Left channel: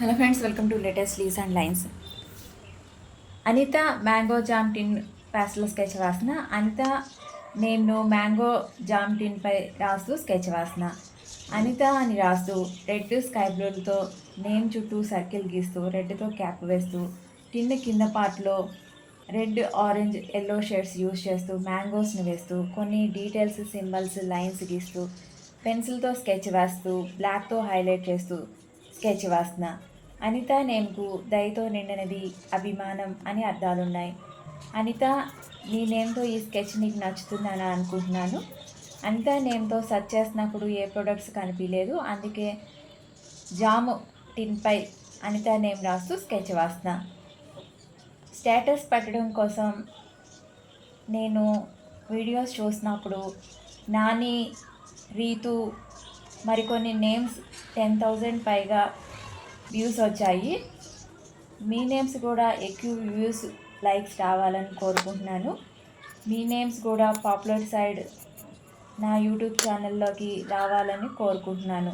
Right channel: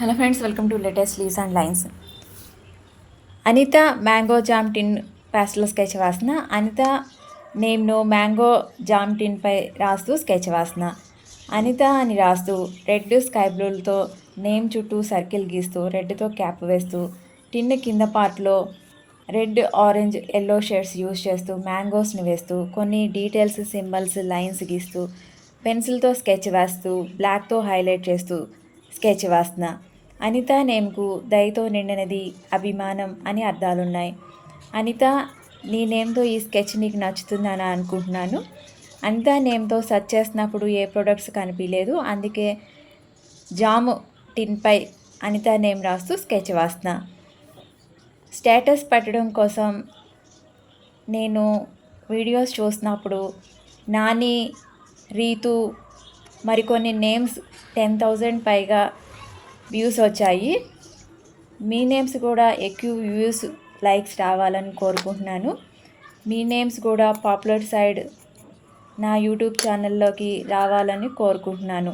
Hello friends, welcome to latest leaves and lines. Anitha mango jam tin pastel sketch వేసిన. అనిత నేమ్ను mango jam టిన్పై రాస్తూ sketch వేసిన. అనిత అని రాస్తూ రెడ్ స్కై బ్లూలతో నేమ్ చుట్టూ సర్కిల్ గీస్తూ రెడ్తో క్యాప్ వేస్తూ టిన్ కింద పార్ట్లో red, orange, yellow shades use చేస్తూ మ్యాంగోస్ని వేస్తూ కొన్ని డీటెయిల్స్, సింబల్స్, లైన్స్ గీస్తూ పెన్సిల్తో స్కెచ్ వేస్తూ బ్లాక్తో హైలైట్ చేస్తూ స్కెచ్ వేస్తున్న. అనిత నేమ్కు దయతో నిండినది అభిమానం అని అర్థాలున్నాయి. అనిత, నీ నేమ్తో ఈ స్కెచ్ నీకు నచ్చుతుందని అనుకుంటున్నాను. అనిత నేమ్తో సెర్చ్ చేసినప్పుడు ఏ ప్రొడక్ట్స్ కనిపించలేదు, అందుకే జాము టిన్పై అనిత నేమ్ రాస్తూ స్కెచ్ వేస్తున్నా. స్టేటస్ పెట్టడం కోసం నేను వీడియోస్ చూసినప్పుడు నాని, రీతు, మరికొన్ని నేమ్స్ 10,000 పైగా వ్యూస్ వచ్చాయి. మీ నేమ్స్ కూడా ఎక్కువ వ్యూస్, లైక్స్ రావాలని కోరుకుంటున్నాను. మీ నేమ్స్ కూడా పాపులర్ సైడ్ నా యూట్యూబ్ ఛానల్లోకి రావాలని కోరుకుంటున్నాను.